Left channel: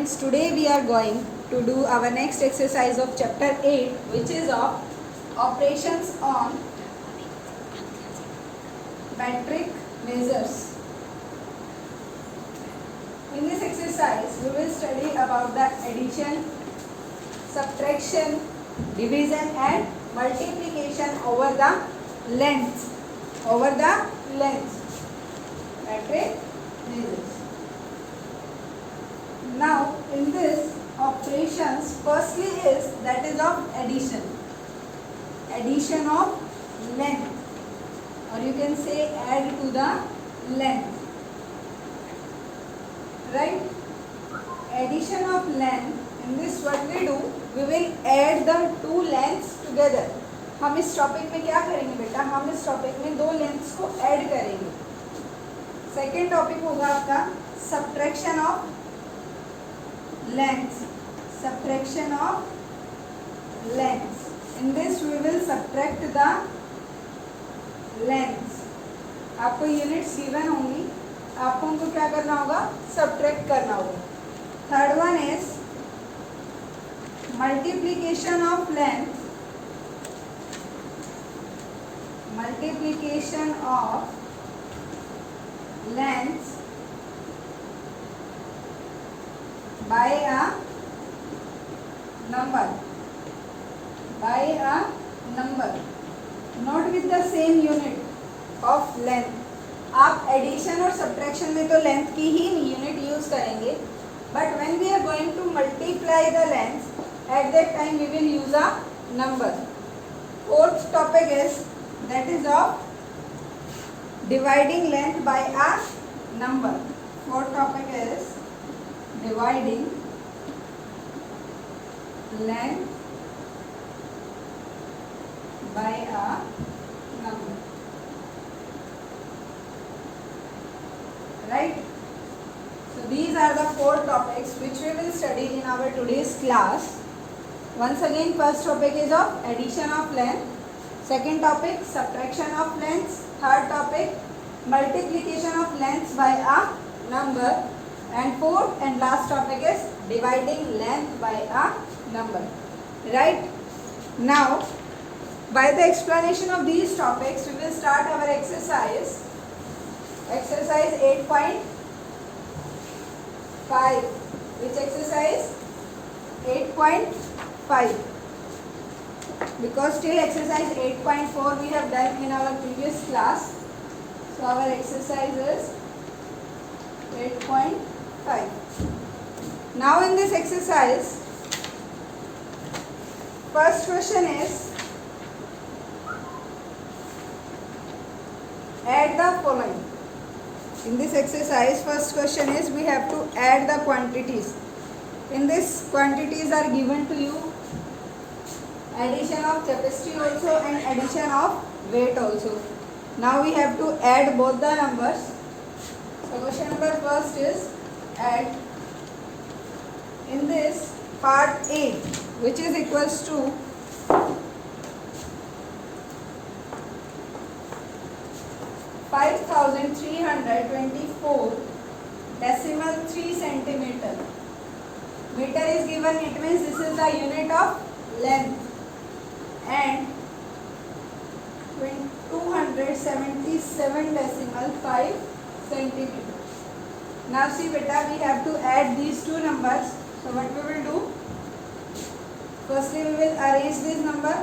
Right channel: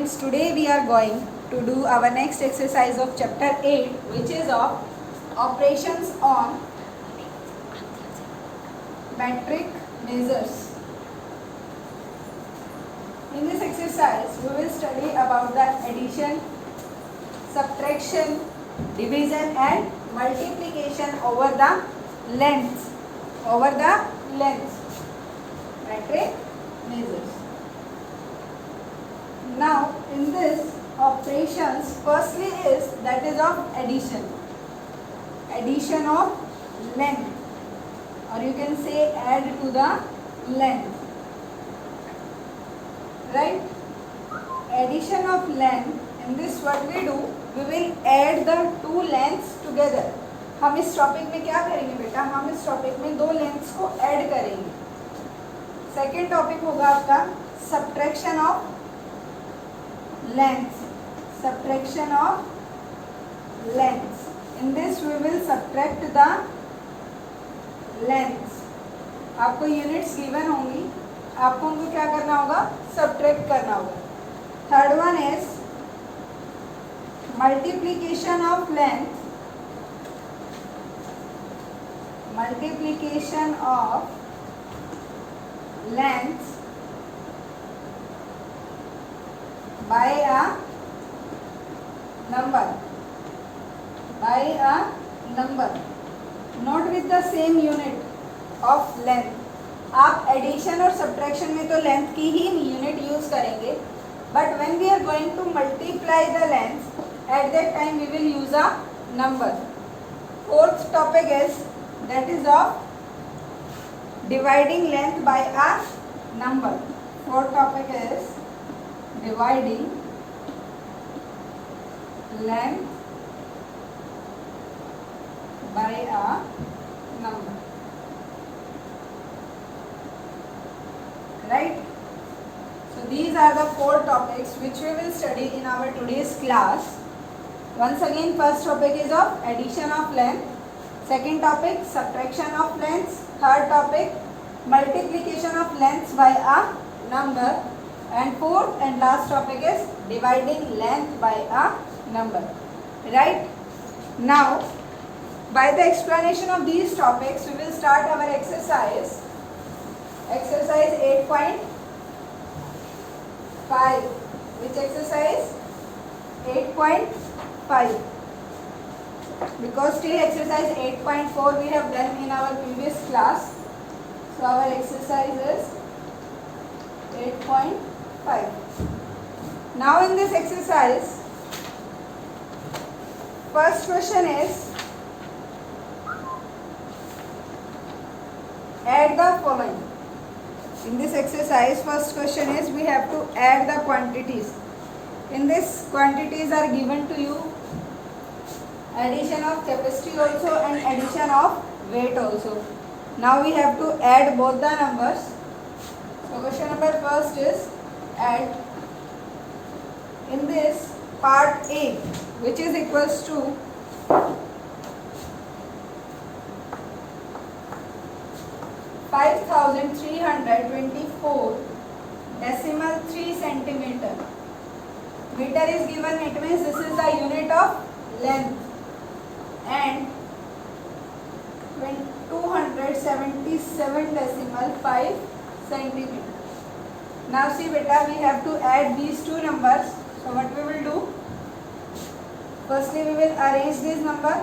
Students, today we are going to do our next exercise of chapter 8, which is of operations on metric measures. In this exercise, we will study about the addition, subtraction, division and multiplication over the lengths. Metric measures. Now, in this operations, firstly is that is of addition. Addition of length, or you can say add to the length. Right? Addition of length. In this what we do? We will add the two lengths together. हम इस topic में क्या करेंगे बेटा? हम इस topic में दो लेंथ्स को ऐड करेंगे. सेकेंड टॉपिक होगा आपका subtraction of lengths. Subtraction of lengths. In this we will subtract the lengths. आपको यूनिट्स गिवन होंगी, आपको उनको क्या करना होगा? सब्ट्रैक्ट करना होगा. Third one is multiplication of length. Multiplication of lengths by a number. Not with the same unit of length. आप एडिशन और सब्ट्रैक्शन में तो लेंथ की ही यूनिट यूज करेंगे, but when we are going to multiply the length, at that time we will use a number. Fourth topic is that is of dividing length by a number. Fourth topic is dividing length by a number. Right? So these are the four topics which we will study in our today's class. Once again, first topic is of addition of length. Second topic, subtraction of lengths. Third topic, multiplication of lengths by a number. And fourth and last topic is dividing length by a number. Right? Now, by the explanation of these topics, we will start our exercise. Exercise 8.5. Which exercise? 8.5. Because till exercise 8.4 we have done in our previous class, so our exercise is 8.5. Now in this exercise, first question is add the following. In this exercise, first question is we have to add the quantities. In this, quantities are given to you. Addition of capacity also and addition of weight also. Now we have to add both the numbers. So question number first is add. In this part A, which is equals to 5324 decimal 3 centimeter. Meter is given, it means this is the unit of length. And 277.5 centimeter. Now see beta, we have to add these two numbers. So what we will do? Firstly we will arrange this number,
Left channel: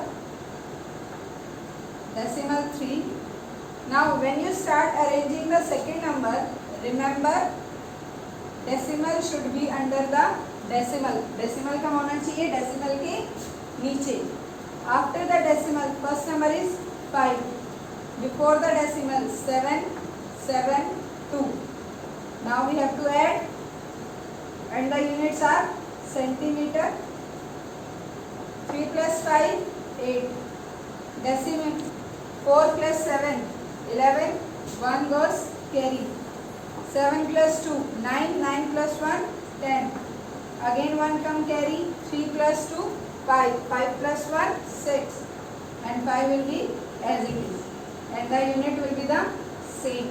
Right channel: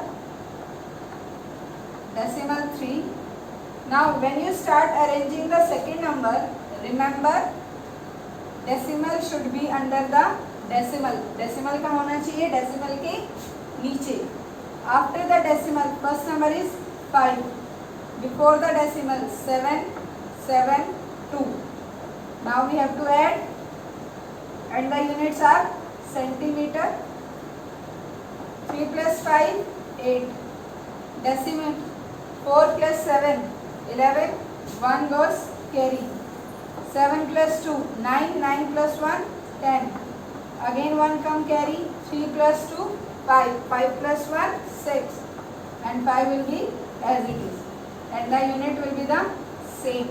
decimal 3. Now when you start arranging the second number, remember decimal should be under the decimal. Decimal का होना चाहिए decimal के नीचे. After the decimal, first number is 5. Before the decimal, 772. Now we have to add, and the units are centimeter. 3 plus 5, 8. Decimal. 4 plus 7, 11. 1 goes carry. 7 plus 2, 9. 9 plus 1, 10. Again 1 come carry. 3 plus 2, 5. 5 plus 1, 6. And 5 will be as it is. And the unit will be the same.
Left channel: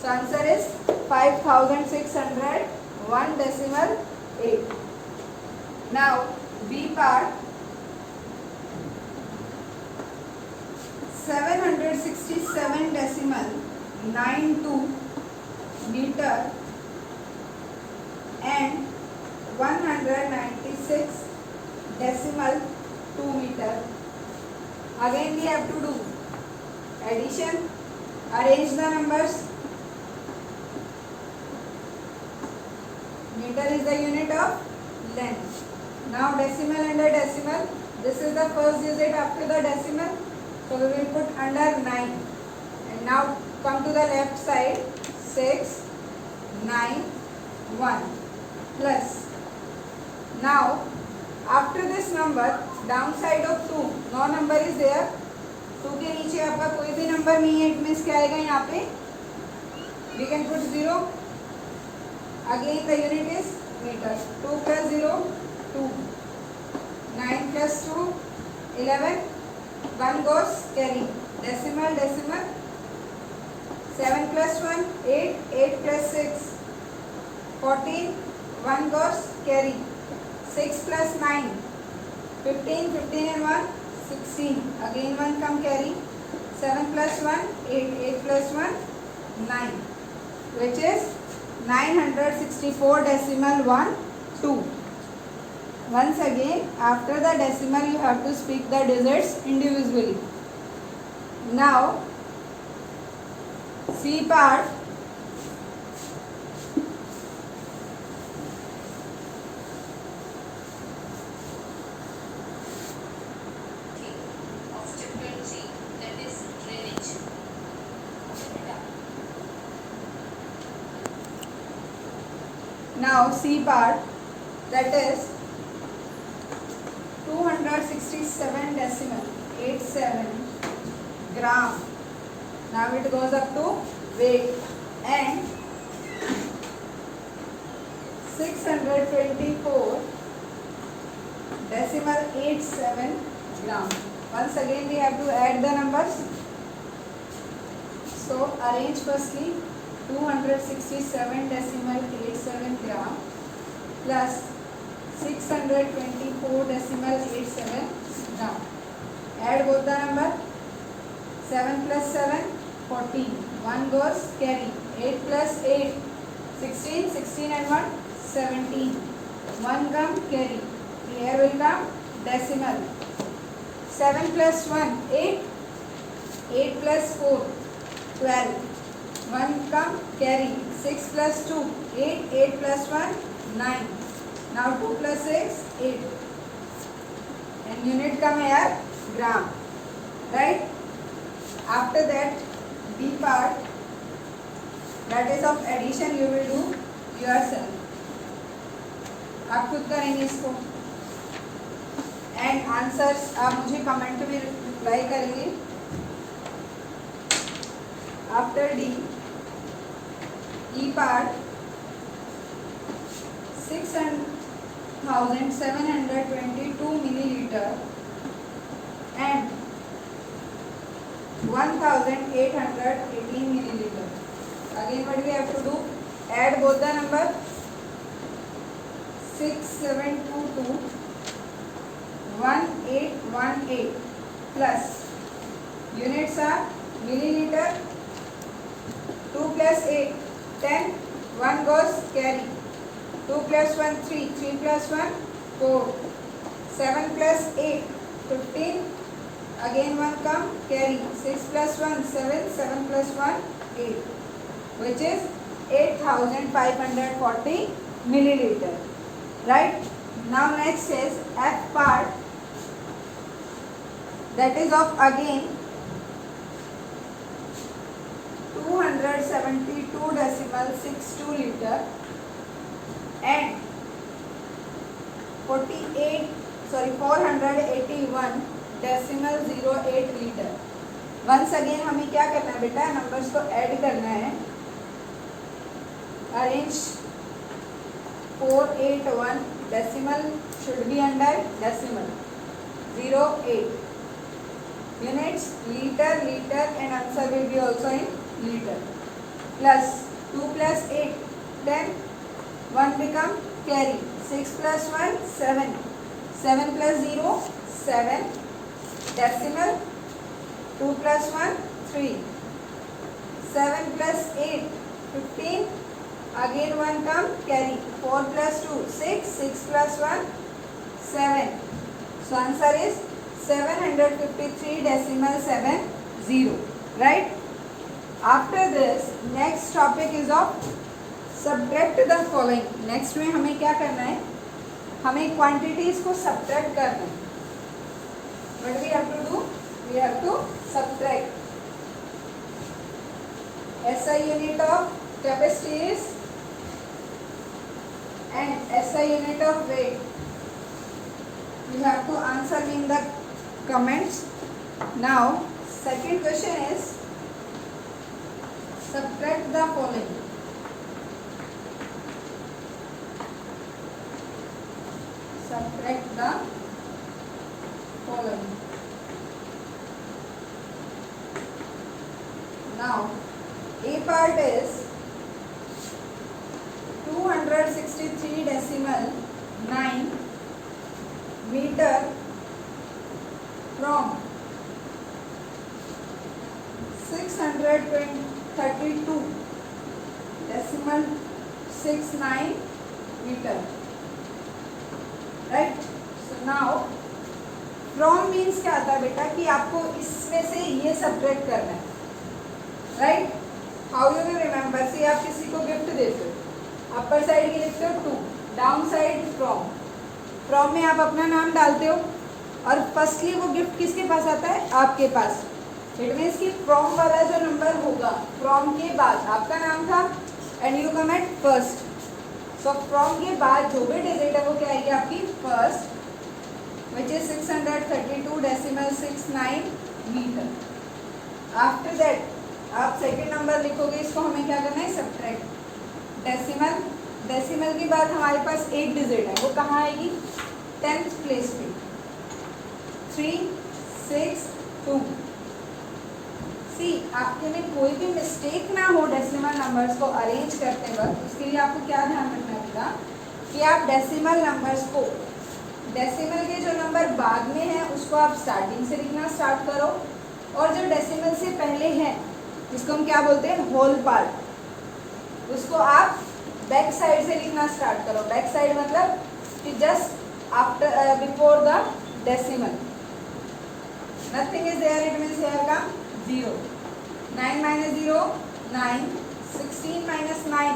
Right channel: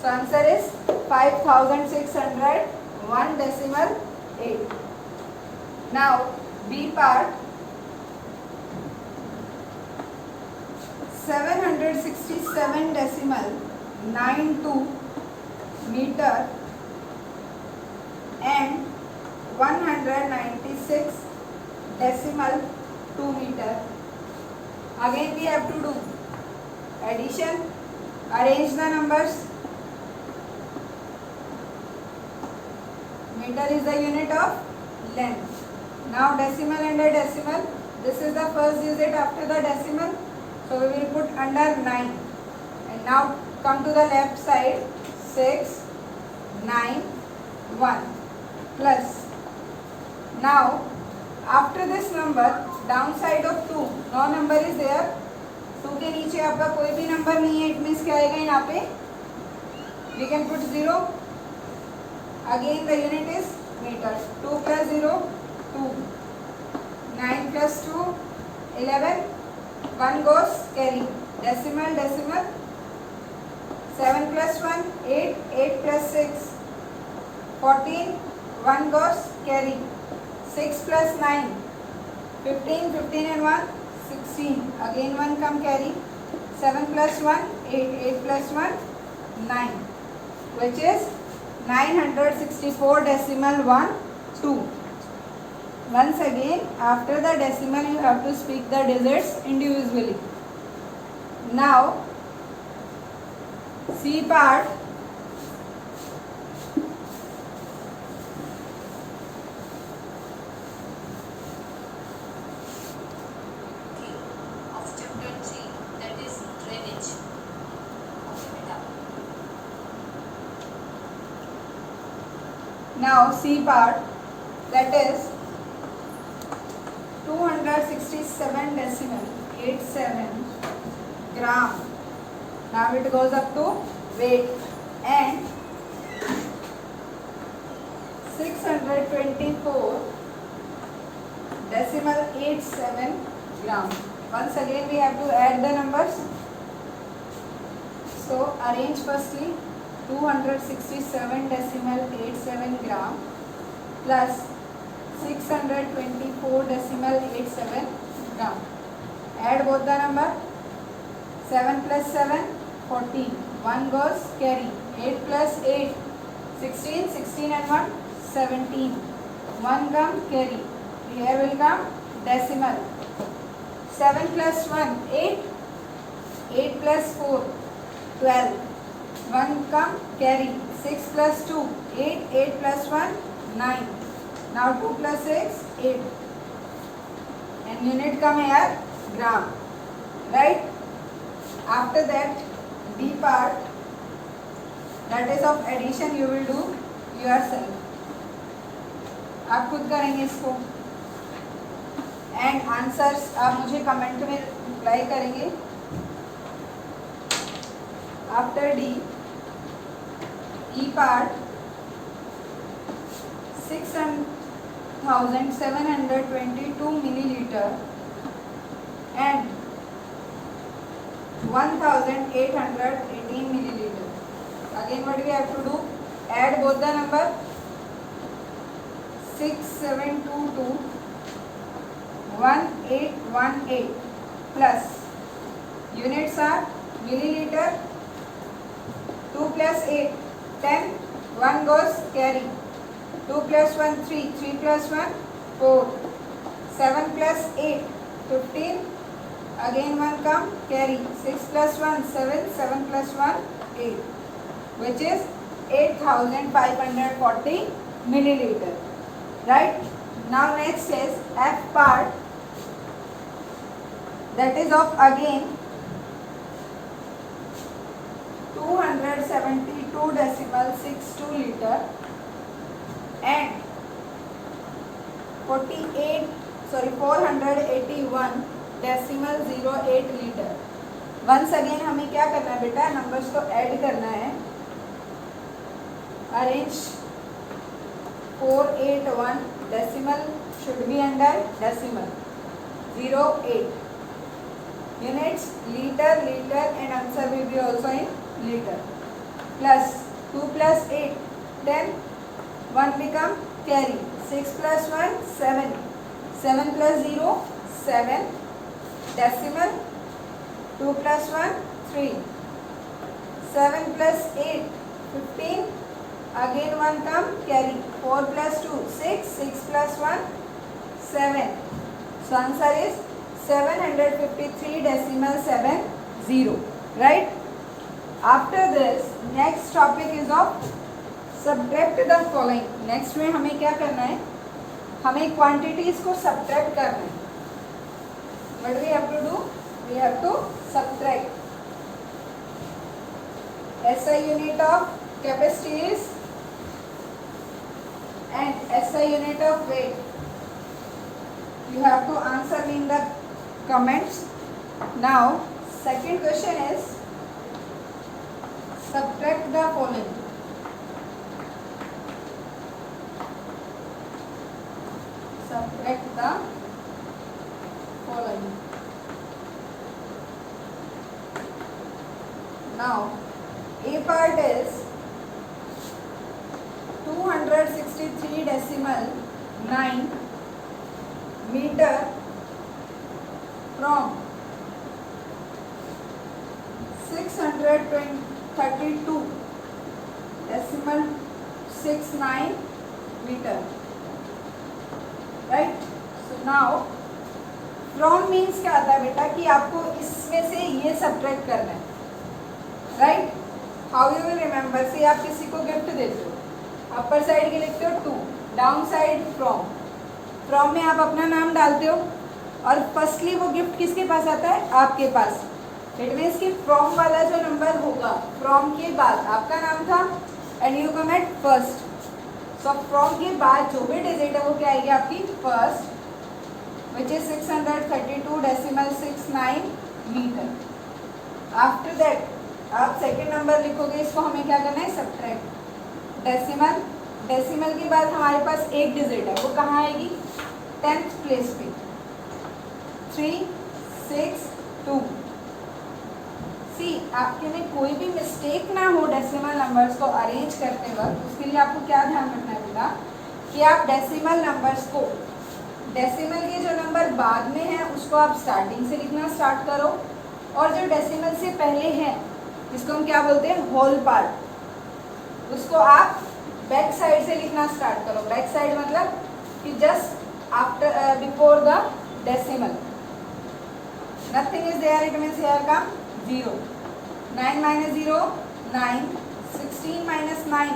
So answer is 5600, 1 decimal 8. Now B part, 767.92 meter and 196.2 meter. Again we have to do addition. Arrange the numbers. Meter is the unit of length. Now decimal under decimal. This is the first digit after the decimal. So we will put under 9. And now come to the left side. 6, 9, 1 plus. Now after this number, downside of 2, no number is there. 2 के नीचे आपका कोई भी number नहीं है. It means क्या आएगा यहाँ पे? We can put 0. Again the unit is meters. 2 plus 0, 2. 9 plus 2, 11. 1 goes carry. Decimal, decimal. 7 plus 1, 8. 8 plus 6, 14. 1 goes carry. 6 plus 9, 15. 15 and 1, 16. Again 1 come carry. 7 plus 1, 8. 8 plus 1, 9. Which is 964.12. Once again, after the decimal, you have to speak the digits individually. Now, C part. Now C part, that is 267.87 gram. Now it goes up to weight and 624.87 gram. Once again we have to add the numbers. So arrange firstly 267.87 gram plus 624.87 gram. Add both the number. 7 plus 7, 14. 1 goes carry. 8 plus 8, 16. 16 and 1, 17. 1 come carry. Here will come decimal. 7 plus 1, 8. 8 plus 4, 12. 1 come carry. 6 plus 2, 8. 8 plus 1, 9. Now 2 plus 6, 8. And unit come here, gram. Right? After that, B part, that is of addition, you will do yourself. आप खुद करेंगे इसको. And answers आप मुझे comment में reply करेंगे. After D, E part, 6,722 milliliter and 1,818 milliliter. Again what we have to do? Add both the number. 6722 1818 plus units are milliliter. 2 plus 8, 10. 1 goes carry. 2 plus 1, 3. 3 plus 1, 4. 7 plus 8, 15. Again 1 come carry. 6 plus 1, 7. 7 plus 1, 8. Which is 8,540 milliliter. Right? Now next is F part. That is of again 272.62 liter and 481.08 litre. Once again हमें क्या करना है बेटा? Numbers को add करना है. Arrange 481 decimal should be under decimal 08 units liter and answer will be also in liter. Plus 2 plus 8, 10. 1 become carry. 6 plus 1 7, 7 plus 0 7, decimal 2 plus 1 3, 7 plus 8 15, again 1 come carry, 4 plus 2 6, 6 plus 1 7. So answer is 753 decimal 70, right? After this next topic is of subtract the following. Next में हमें क्या करना है, हमें quantities को subtract करना है. What we have to do? We have to subtract. SI unit of capacity is and SI unit of weight. You have to answer me in the comments. Now second question is subtract the following. Subtract the following. Now A part is 263 decimal 9 meter from 632 decimal 69 meter. Right. So now from means क्या आता है बेटा कि आपको इसमें से ये subtract करना है. Right. How you will remember, से आप किसी को गिफ्ट देते हो, अपर साइड के लिखते हो 2, डाउन साइड फ्रॉम. फ्रॉम में आप अपना नाम डालते हो और फर्स्टली वो गिफ्ट किसके पास आता है, आपके पास. इट मीन्स कि फ्रॉम वाला जो नंबर होगा, फ्रॉम के बाद आपका नाम था and you come at first. So from के बाद जो भी डिजिट है वो क्या आएगी आपकी first, which is 632.69 metre. After that आप सेकेंड नंबर लिखोगे, इसको हमें क्या करना है सब्ट्रैक्ट. डेसिमल, डेसिमल के बाद हमारे पास एक डिजिट है, वो कहाँ आएगी 10th प्लेस पे. 3 6 2. सी आपके में कोई भी मिस्टेक ना हो डेसिमल नंबर्स को अरेंज करते वक्त, उसके लिए आपको क्या ध्यान रखना होगा कि आप डेसिमल नंबर्स को, डेसिमल के जो नंबर बाद में है उसको आप स्टार्टिंग से लिखना स्टार्ट करो, और जो डेसिमल से पहले है जिसको हम क्या बोलते हैं होल पार्ट, उसको आप बैक साइड से लिखना स्टार्ट करो. बैक साइड मतलब कि just after before the decimal. Nothing is there, it means here come 0. 9 minus 0 9, 16 minus 9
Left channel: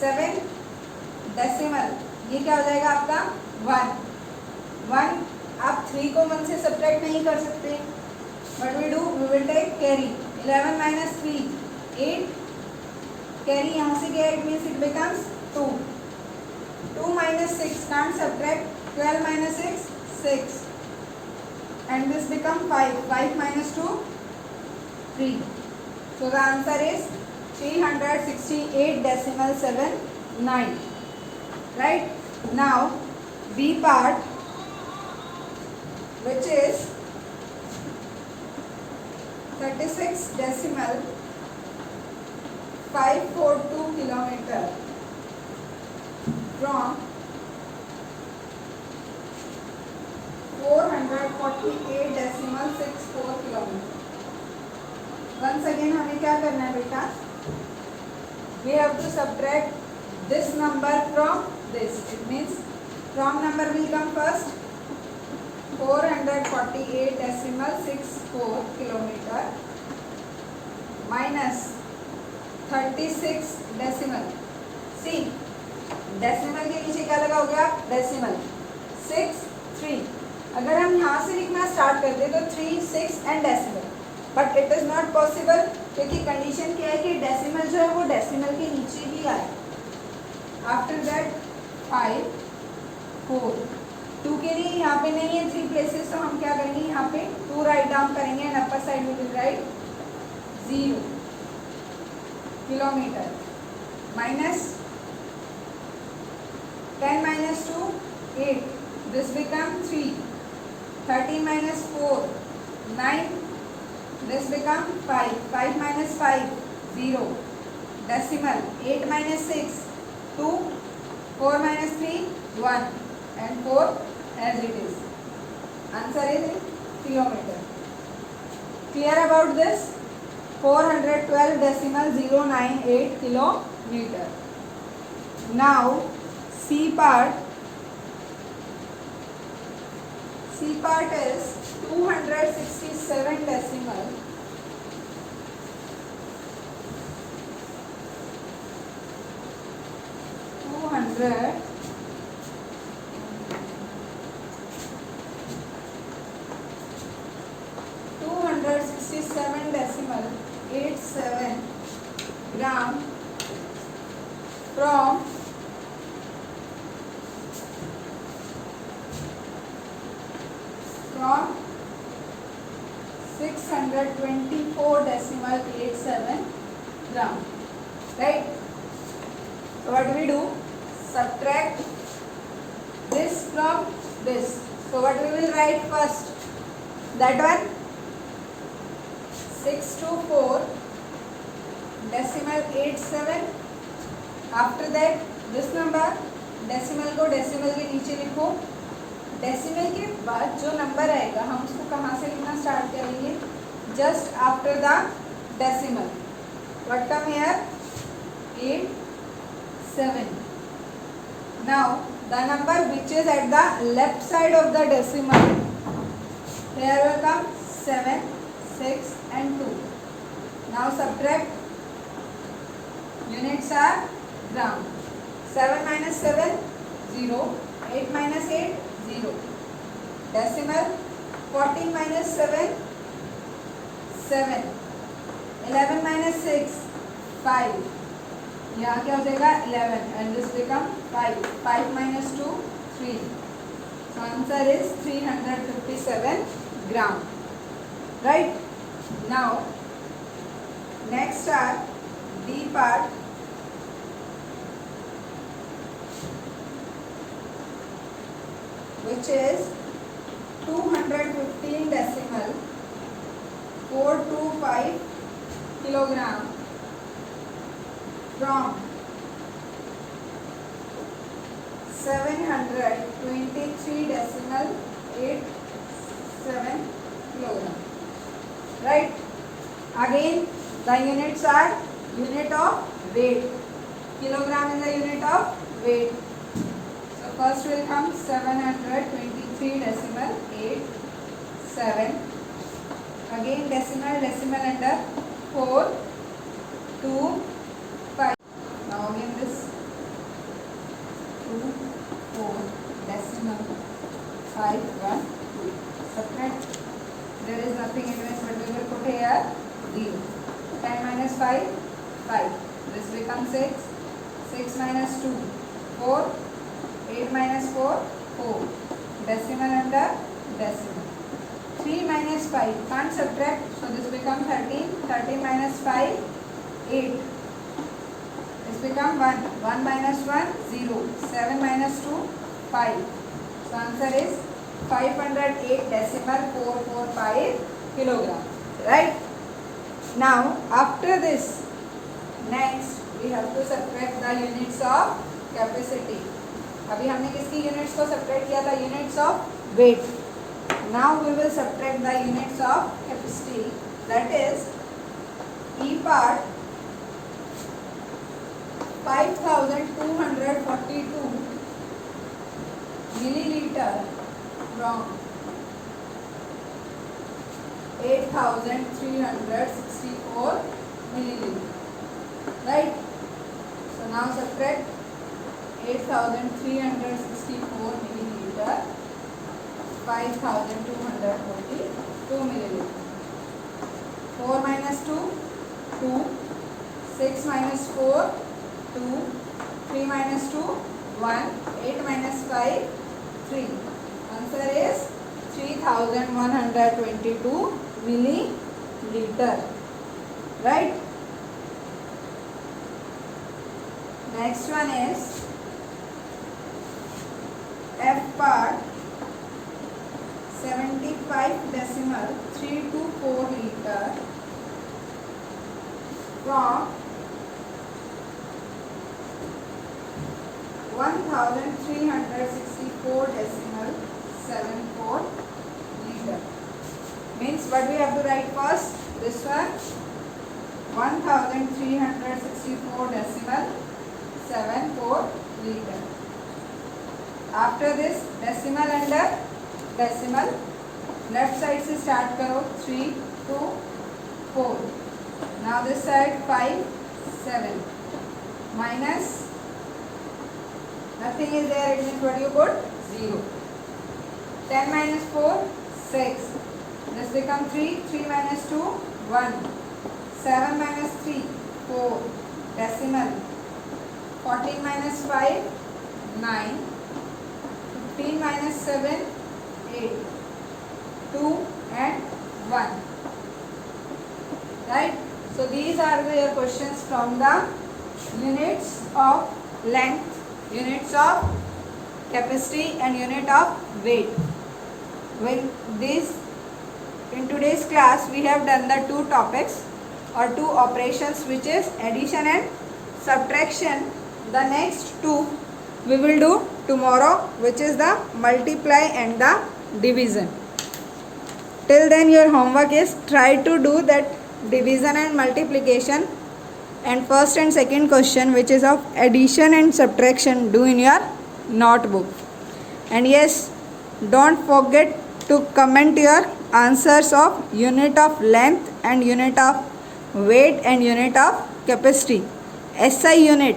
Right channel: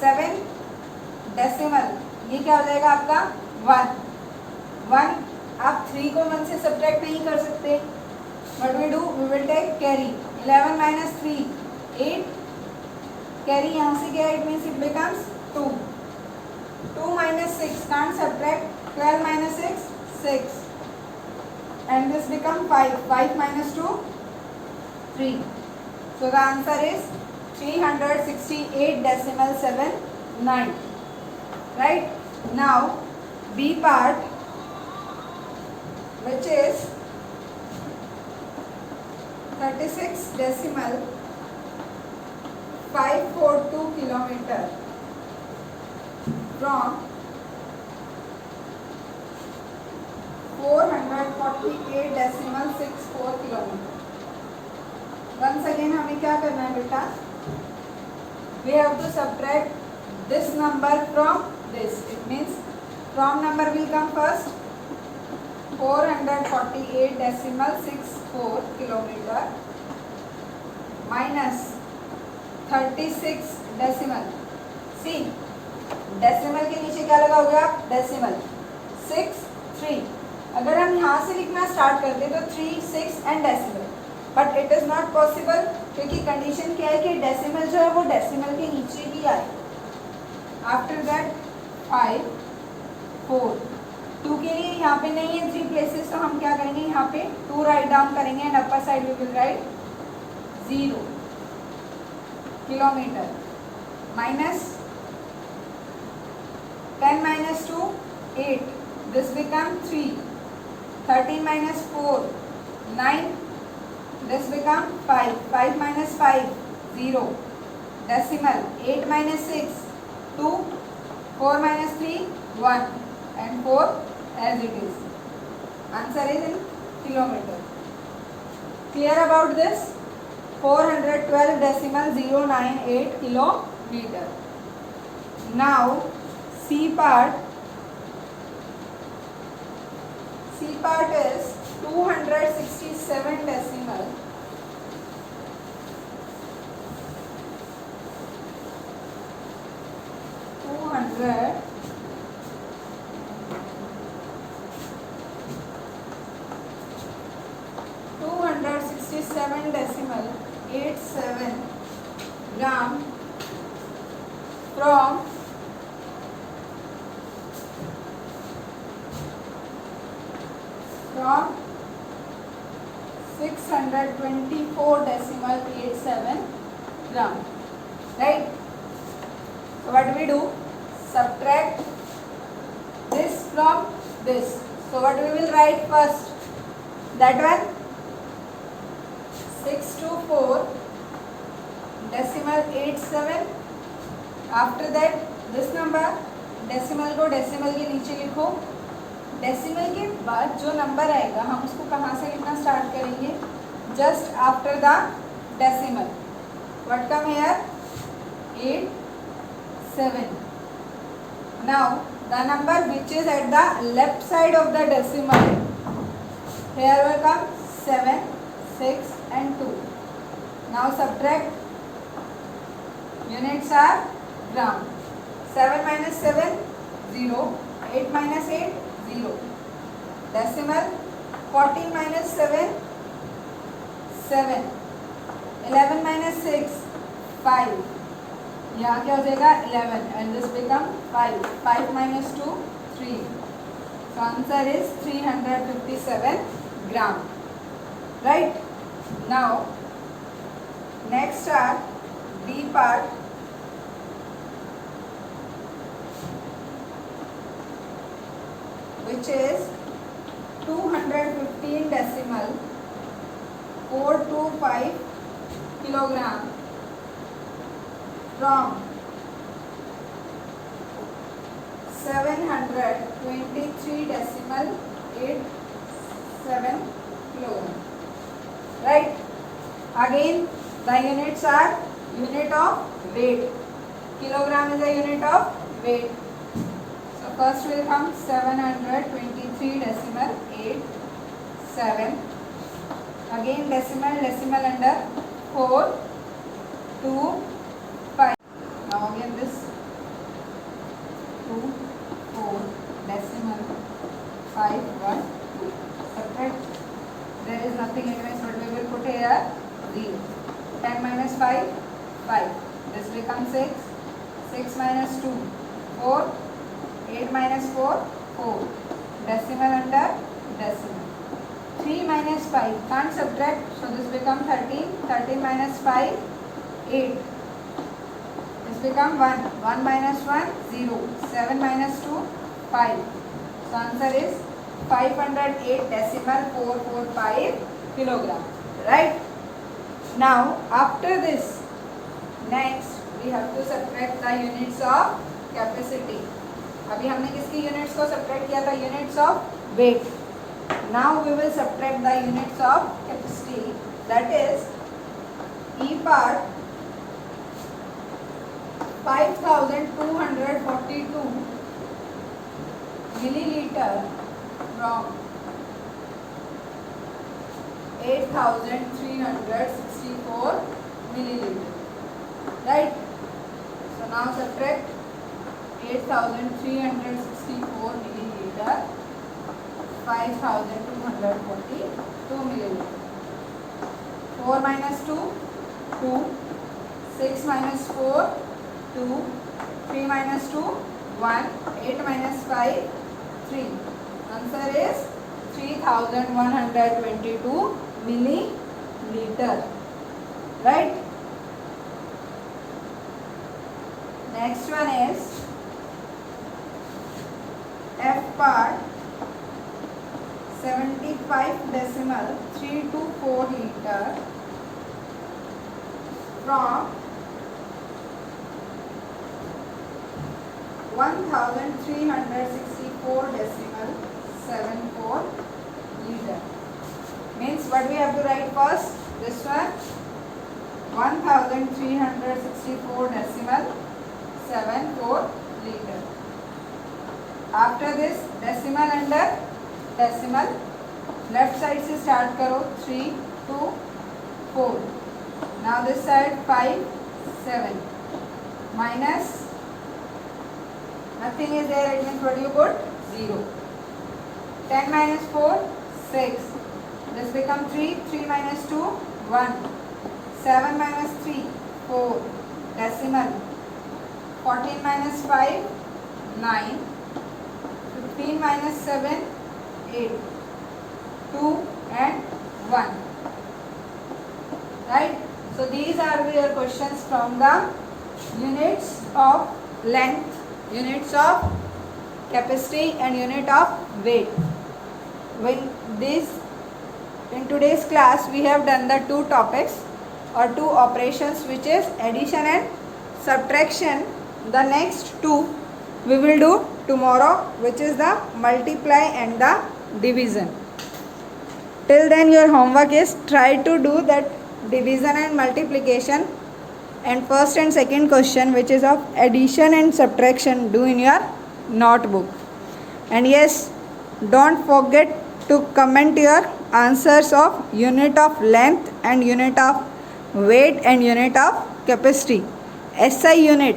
7, decimal ये क्या हो जाएगा आपका 1. आप 3 को 1 से सब्ट्रैक्ट नहीं कर सकते. What we do, we will take carry. 11 minus 3 8, carry यहाँ से गया, it means it becomes 2. 2 minus 6 can't subtract. 12 minus 6 6, and this become 5. 5 minus 2 3. So the answer is 368.79. Right. Now B part, which is 36.542 kilometer from 448.64 kilometer. Once again हमें क्या करना है बेटा, we have to subtract this number from this. It means from number will come first. 448.64 kilometer minus 36 decimal. See, decimal के नीचे क्या लगा हो गया decimal 6 3. अगर हम यहाँ से लिखना स्टार्ट करते तो 3 6 and decimal, but it is not possible क्योंकि कंडीशन क्या है कि डेसिमल जो है वो डेसिमल के नीचे ही आए. आफ्टर दैट 5 4 2 के लिए यहाँ पे नहीं है 3 प्लेसेस, तो हम क्या करेंगे यहाँ पे 2 राइट डाउन करेंगे and upper side we will write 0 kilometre minus 10 minus 2 8, this become 3. 13 minus 4 9, this become 5. 5 minus 5 0, decimal. 8 minus 6 2, 4 minus 3, 1, and 4 as it is. Answer is in kilometer. Clear about this? 412.098 kilometer. Now C part is 267 decimal 267.87 gram from 624.87 gram. Right? So what do we do? Subtract this from this. So what we will write first? That one 624.87. After that this number decimal को decimal के नीचे लिखो. Decimal के बाद जो number आएगा हम उसको कहाँ से लिखना स्टार्ट करेंगे? Just after the decimal. What come here? 87. Now the number which is at the left side of the decimal, here will come 7, 6 and 2. Now subtract. Units are gram. 7 minus 7, 0. 8 minus 8, 0. Decimal. 14 minus 7, 7. 11 minus 6, 5. यहाँ क्या हो जाएगा? 11 and this become 5. 5 minus 2, 3. So answer is 357 gram. Right? Now next are D part. Which is 215.425 kilogram from 723.87 kilogram. Right? Again the units are unit of weight. Kilogram is a unit of weight. So first will come 723.87. Again decimal under 4, 2, 5. Now again this 2, 4, decimal 5, 1, 2. Subtract. There is nothing against, but we will put here 0. 10 minus 5, 5. This becomes 6. 6 minus 2, 4. 8 minus 4, 4. Decimal under decimal. 3 minus 5. Can't subtract. So this becomes 13. 13 minus 5, 8. This becomes 1. 1 minus 1, 0. 7 minus 2, 5. So answer is 508.445 kilogram. Right? Now after this, next we have to subtract the units of capacity. अभी हमने किसकी units को subtract किया था? Units of weight. Now we will subtract the units of capacity. That is e part 5242 milliliter from 8364 milliliter. Right? So now subtract 8364 milliliter, 5242 milliliter. 4 minus 2, 2. 6 minus 4, 2. 3 minus 2, 1. 8 minus 5, 3. Answer is 3122 milliliter. Right? Next one is F part 75.324 liter from 1364.74 liter. Means what we have to write first? This one 1364.74 liter. After this decimal under decimal, left side से start करो 3 2 4. Now this side 5 7 minus nothing is there, it means what you put? 0. 10 minus 4 6. This become 3. 3 minus 2 1. 7 minus 3 4. Decimal. 14 minus 5 9. 15 minus 7 8. 2 and 1. Right? So these are your questions from the units of length, units of capacity and unit of weight. When this in today's class we have done the two topics or two operations, which is addition and subtraction. The next two we will do tomorrow, which is the multiply and the division. Till then your homework is try to do that division and multiplication and first and second question, which is of addition and subtraction, do in your notebook. And yes, don't forget to comment your answers of unit of length and unit of weight and unit of capacity. SI unit